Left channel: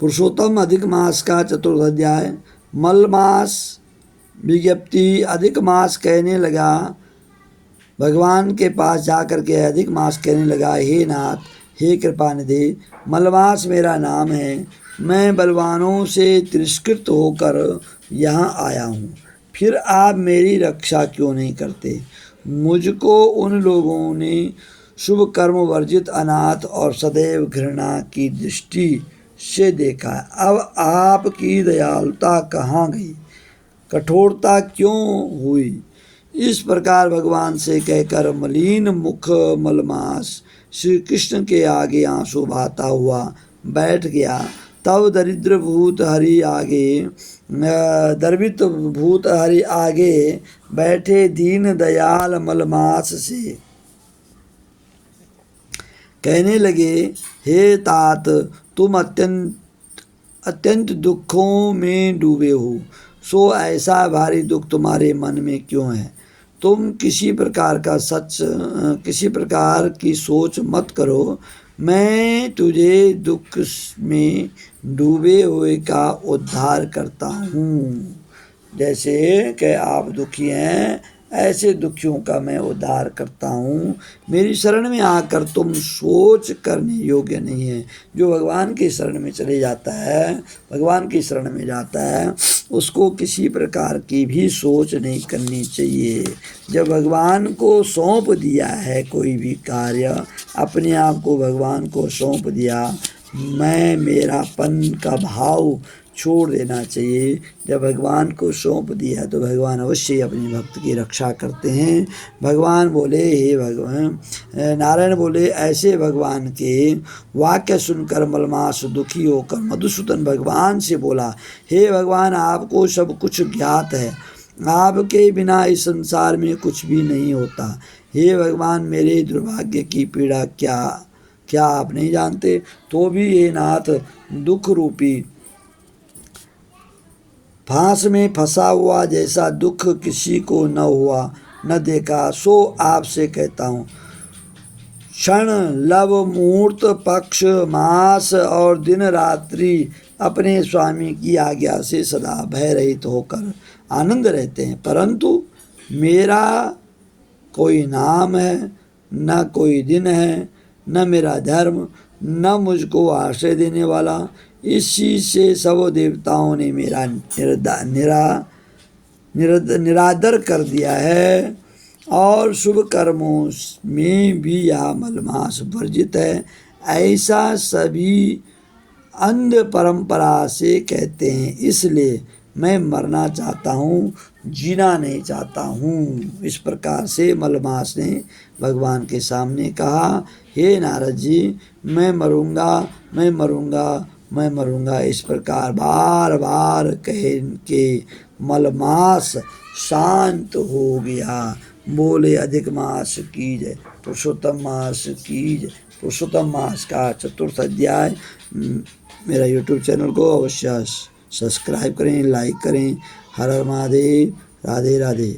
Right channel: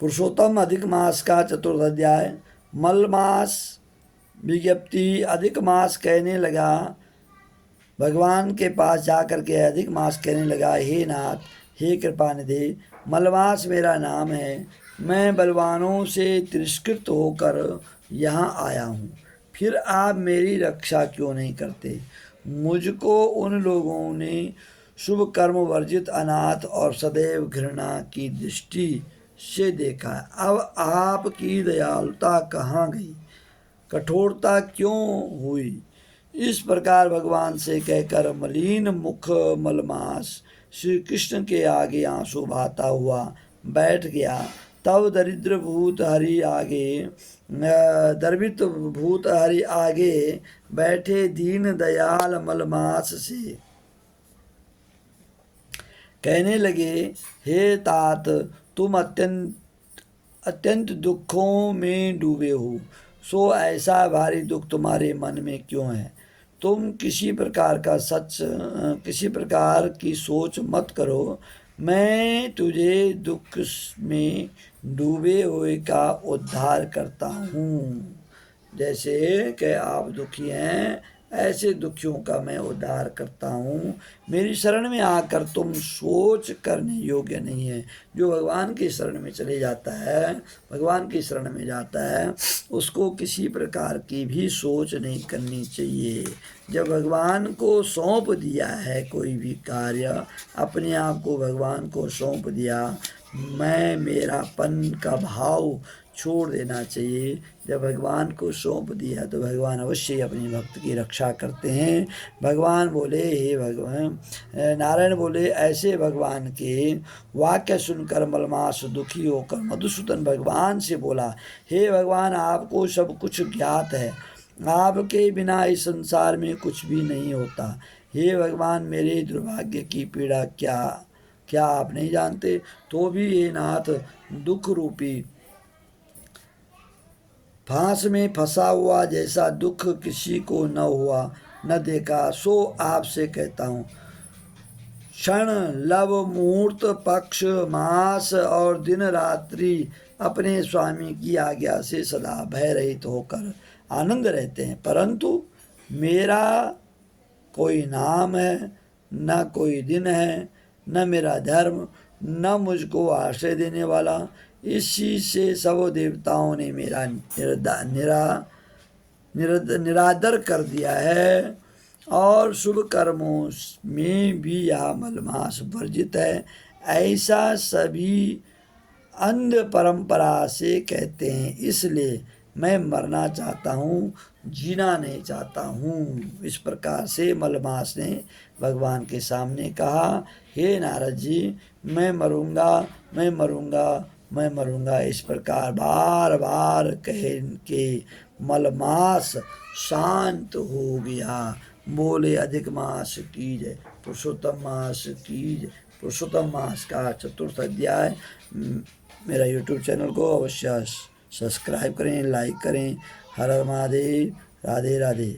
पुरुषोत्तम अधिक मास का चतुर्थ अध्याय। मल मास विज्ञप्ति। अधिक मास कहने लगा, भगवान के पास जाकर के अधिक मास कहने लगा, हे नाथ, हे कृपानिधि, मलमास मेरा नाम है। मैं बलवानों से तिरस्कृत होकर यहाँ आया हूँ। फिर आप मेरी रक्षा क्यों नहीं करते? मुझको उन लोगों ने शुभ कर्म वर्जित, अनाथ और सदैव घृणा की दृष्टि से देखा। अब आपकी दयालुता कहाँ गई? कठोरता क्यों हुई? इस प्रकार भगवान से कहकर मलिन मुख मलमास श्री कृष्ण के आगे आंसू बहाता हुआ बैठ गया। तब दर्वित भूत हरि आगे बैठे दीन दयाल मलमास से कहने लगे, हे तात, तुम अत्यंत दुखों में डूबे हो, सो ऐसा भारी दुख तुम्हारे मन में क्यों है? तुम किसी प्रकार की सोच मत करो। मैं तुझे दुख में डूबे हुए का उद्धार करता हूँ। जैसे कि आप दुखी हैं, ऐसे दुखियों का मैं उद्धार करता हूँ। मेरी शरण में आकर तुम सोच करने योग्य नहीं है। जो भगवान की शरण में चले जाता है, भगवान की शरण में जाता है, उसको किसी प्रकार की भी सोच नहीं करनी चाहिए। जब भगवान को सौंप दिया है कोई भी कार्य, अपने आप को भगवान को सौंप दिया, मैं मेरापन का भाव छोड़ देना चाहिए। जब भगवान को सौंप दिया तो भगवान अवश्य अपने भक्त की रक्षा करते हैं। भगवान बोले, हे भगवान, नारायण बोले, ऐसे भगवान के वाक्य सुनकर मलमास दुखी होकर मधुसूदन भगवान से बोला, हे भगवान, आपको सब कुछ ज्ञात है, आपके बिना इस संसार में कुछ भी नहीं होता। हे भगवान, मेरे दुर्भाग्य की पीड़ा क्या आप नहीं जानते? तो भी हे नाथ, दुख रूपी फांस में फंसा हुआ जैसा दुख किसी को न हुआ न देखा, सो आपसे कहता हूँ। क्षण, लव, मुहूर्त, पक्ष, मास और दिन रात्रि अपने स्वामी की आज्ञा से सदा भय रहित होकर आनंद रहते हैं, परंतु मेरा कोई नाम है, न कोई दिन है, न मेरा धर्म, न मुझको आश्रय देने वाला। इसी से सब देवताओं ने मेरा निरादर कर दिया है, और शुभ कर्मों में भी यह मलमास वर्जित है। ऐसा सभी अंध परंपरा से कहते हैं, इसलिए मैं मरना चाहता हूँ, जीना नहीं चाहता हूँ। इस प्रकार से मलमास ने भगवान के सामने कहा, हे नारद जी, मैं मरूंगा, मैं मरूंगा, मैं मरूंगा। इस प्रकार बार बार कह के मलमास शांत हो गया। बोले अधिक मास की जय, पुरुषोत्तम मास की जय। पुरुषोत्तम मास का चतुर्थ अध्याय। मेरा यूट्यूब चैनल को अवश्य सब्सक्राइब करें, लाइक करें। हर हर महादेव। राधे राधे।